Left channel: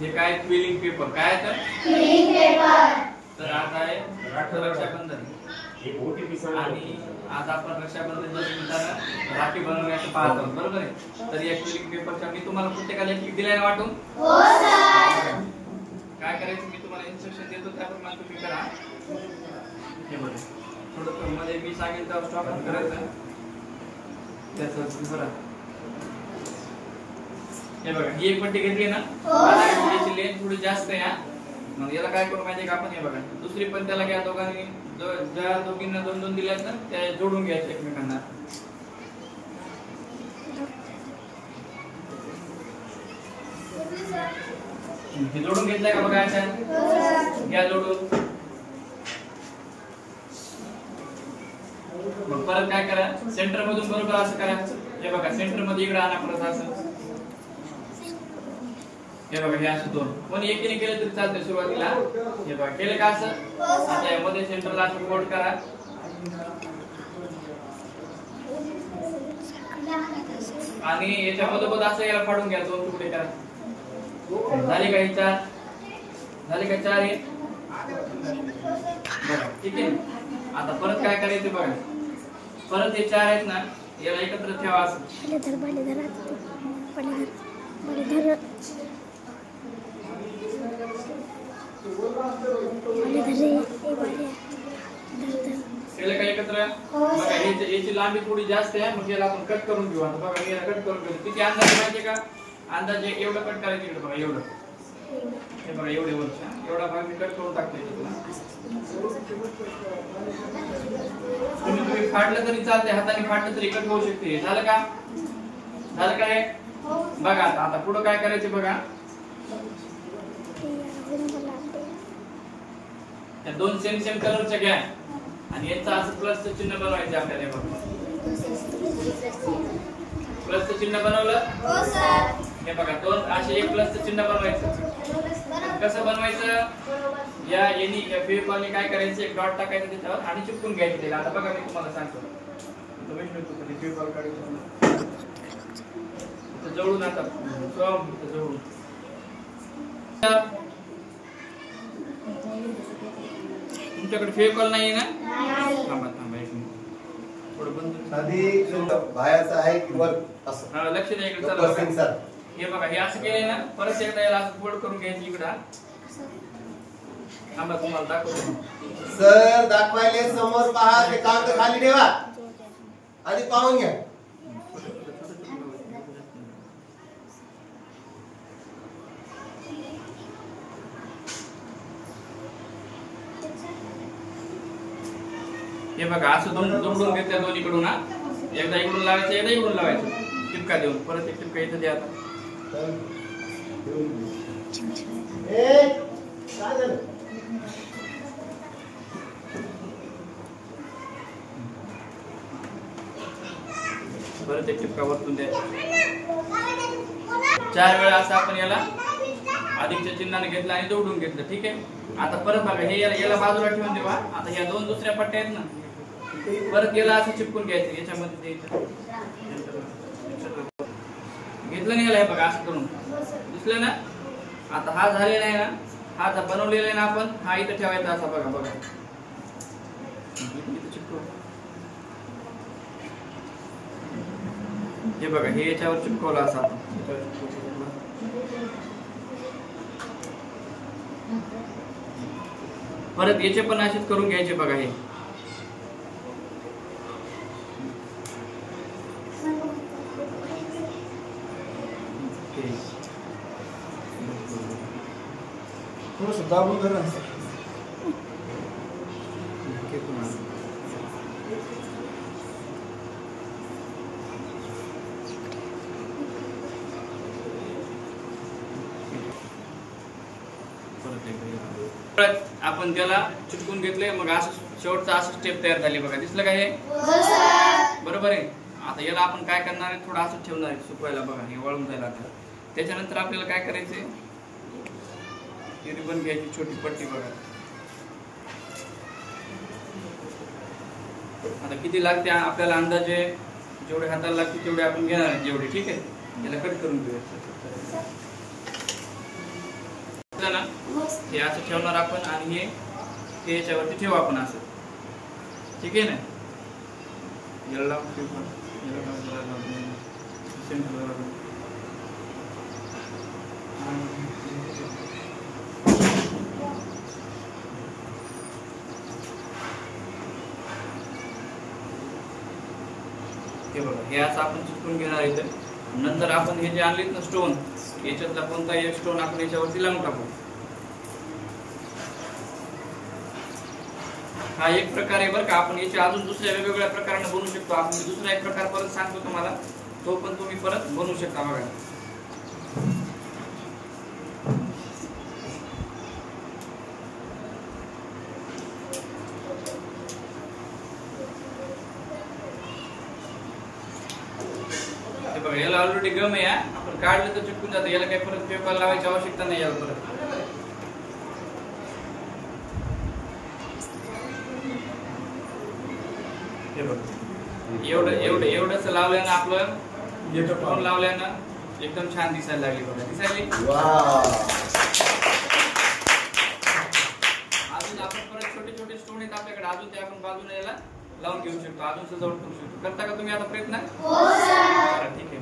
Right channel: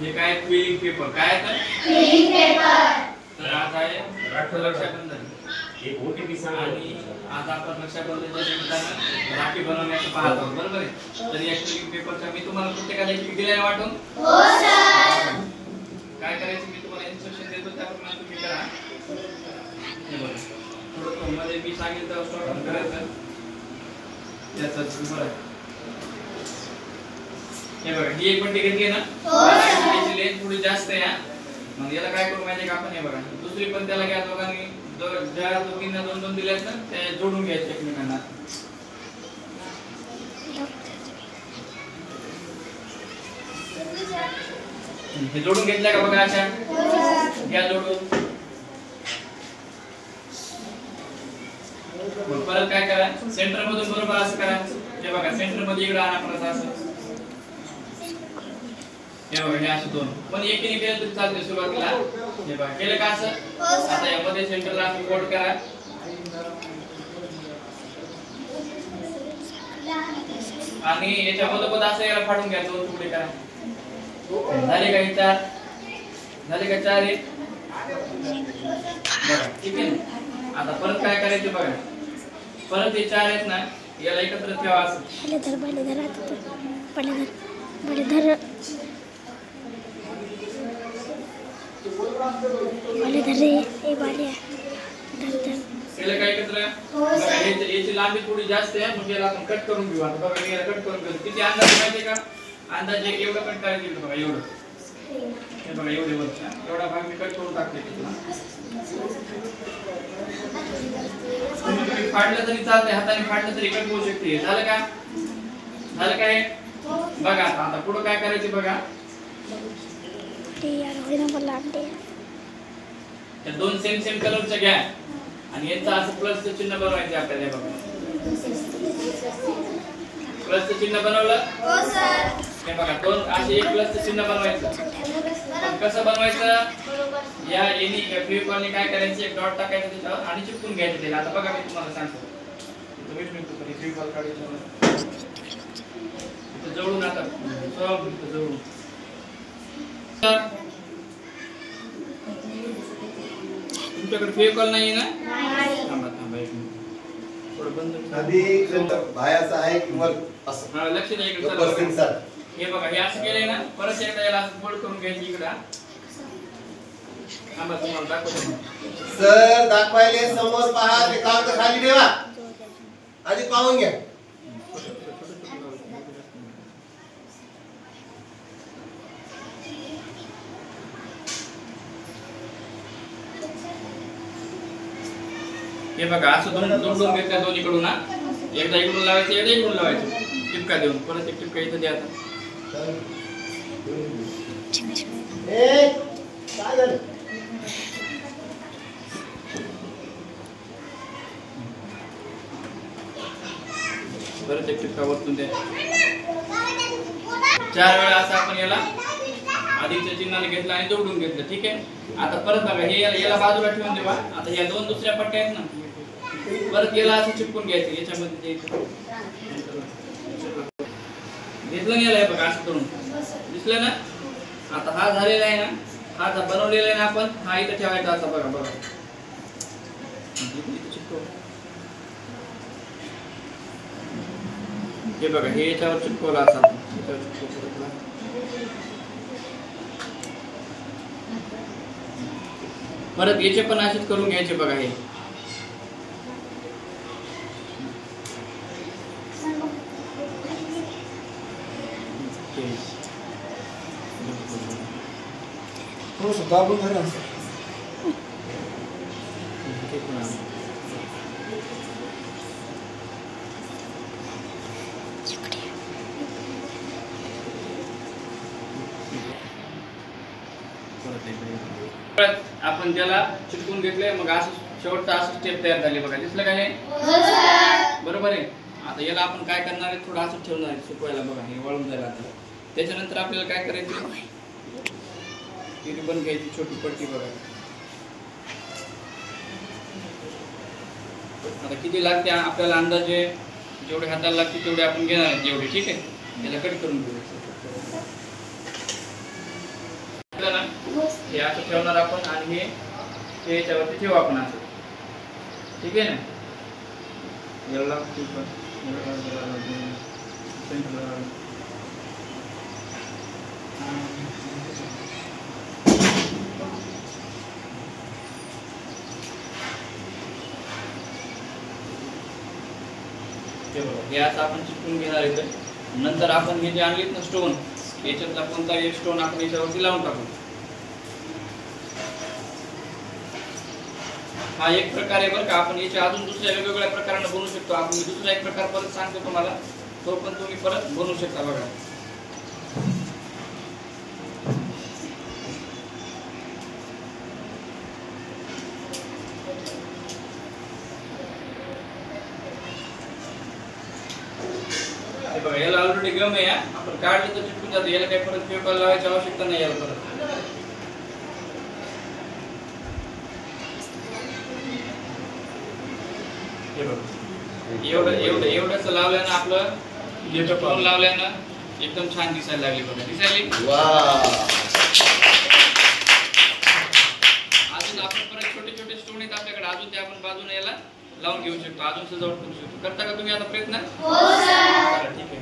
हे काय quilling paper काय आहे क्विलिंग पेपर. तर आज आहे रक्षाबंधन एक ओटीपी सांगा. आणि आज आपण रक्षाबंधनच्या निमित्तानं राखी बनवण्याचं पाहत आहोत बरोबर आहे. तर या क्विलिंग पेपरचा मी तुम्हाला प्रत्येकाला एक दिलाय वाटून. हो सर. काय करायचं मी तुम्हाला इन्स्ट्रक्शन देतो त्याप्रमाणे तुम्ही करा. हे बघा थोडं मध्ये मी सांगेल तर स्टॉप करायचं त्याचं बरं. हे बघा ही एक पट्टी घेतली ना याची लेंथ थोडी जास्त आहे. मग याला काय करू माहिती का आपण हे बघा दुसरी पण त्याला घ्या दोघांनी ज्या दोघींना दोन दोन दिल्यात ना त्या जोडून घ्यायचे एकमेकांना. हे जोडून घेतल्या का बघा अशा घ्या जोडून. मग परत काय करा सेंटर मधून बरोबर असं करा. हे बघा सेंटर मध्ये इकडे आणा परत असं. हे बघा हे असं दोन पण एकीने केलं तरी चालते सुरुवातीला. हे बघा केलं का असं. आता यामध्ये सेंटरला असं फोल्ड करा आणि याच्यामध्ये असं याला फाडून घ्या दोन तुकडे करा. झाले का हे चार झाले का चार हे बघा ठीक आहे. आता परत काय करायचं बघा परत हे चार आहेत ना याला एकत्र ठेवा असं. केलं काय एकत्र बघा याची लांबी थोडी जास्त आहे मग याला आपण कट करून घेऊ. आता बघा मी याला कट करून घेऊ. किती अंदाज माहिती का अंदाज एक एवढं कट करायचं इकडे बघा एवढं. हे बघा एवढे वरचा एवढा भाग मी कट करून टाकले. तुम्ही फाडलं तरी चालते हाताने फाडलं तरी कट होऊ शकते. झालं का झालं काय बघा. आता पुढे काय करायचं बघा त्या दोन सेम सेम कलरच्या घ्या आणि याचं असं प्लसचं चिन्ह बनवायचं आपल्याला. बघा प्लसचं चिन्ह बनवलं हे बघा दोन असे एक प्लसचं चिन्ह बनवायचं. कसं बनवायचं या एनी फेविकॉलने काय करायचं एक डॉट टाकायचं त्याच्यावर आणि चिपकून घ्यायचं त्याला. आता बघा मी तुम्हाला सांगतो फेविकॉल काढायचं इथं जवळून आता जवळून तुमच्याकडे फेविकॉल नाहीये ना. थांबा थांबा एक मिनिट थोडं बंद आधी बायाचं आहे किंवा असं हा लक्ष द्या इकडे. चला हे बघा हे असं केलंय ना परत एकदा याला असं फोल्ड करून घ्यायचं इकडे. थांबा तुम्हाला दाखवतो सर दाखवायले समोर पहा ते कागद खाली ठेवा आधी पाहून घ्या. हे बघा असं दोन घेतल्या दोन्हीकडून ना एकदा इकडून लावायचं एकदा इकडून लावायचं टिपका देऊन परत एक टिपका इथं द्या. आता परत एक टिपका वरतून द्या. 4 वेळा असं आपण याला अधिकच्या चिन्हाने घेतलं आणि जोडून घेतलं ठीक आहे. आता परत बघा हे याला बाजूला ठेवून देवा. आता या दोन दुसऱ्या पट्ट्या आहेत ना परत याला असं चिपकून घ्यायचं याच्यामध्ये घेतलं नाही याला बघा असं करून दिसलं ना. आता हा झालेला आहे ना हा बनवलेला आहे ना आपण हा इथं ठेवायचा असा बघा बघा हे बघा हे याच्यावर चिपकवलं असं आपण परत याचे पण असेच करून घ्यायचे बघा. हे दाबून धरा आपण त्याला चिटकून घेतलंय मग असं शेवटचा असं स्टेप तयार झाली बघा. दिसलं का हे बरोबर आहे. आता याला आपण काय करणार आहे थोडं असं ठेवणार आहे सुकवायला बघा हे वाळून जायला. आता त्याच्यानंतर आपल्याला काय करायचं रिबन घ्यायची छोटी पट्टी बघा. आता किती लागते आपल्याला अंदाजे जेवढे हाताला लागते तेवढे आपण घेणार जेवढे ठीक आहे. याला कट करून घेऊया. हे असं ठेवणार आपण आणि हे याच्यावरती ठेवू आपण असं. ठीक आहे ना. याला हे बघा, हे असं आपण चिटकून घेणार इथं. नंतर आपण हे जे आणलीत ना स्टोन, याच्यातला कोणताही एक स्टोन आपण याच्यावरती लावून टाकू. हा एक प्रकार आहे बरं का. आपण याच्या अजून दुसऱ्या वेगवेगळ्या प्रकाराने बनवू शकतो. आपण मी दुसरा एक प्रकार परत सांगतो तुम्हाला, तो पण तुम्ही परत बनवू शकता. बघा हे बघा, याला ऑलरेडी गम आहे. आपण काढलं तर चिटकून जातं. याला काही परत पेपर लावायची आवश्यकता नाही याला परत. हे बघा, एवढंच लावल्यानं आपलं स्टोन लावल्यानं एकदम छान दिसायला लागली. बघा दिसायली. अजून आपण परत छोटे छोटे स्टोन आहेत आपल्याकडे, अजून ते आपण बाजूने याला लावून घेऊ शकतो, अजून सजावट करू शकतो. करता का तुम्ही आता प्रयत्न? हो सर. ठीक आहे.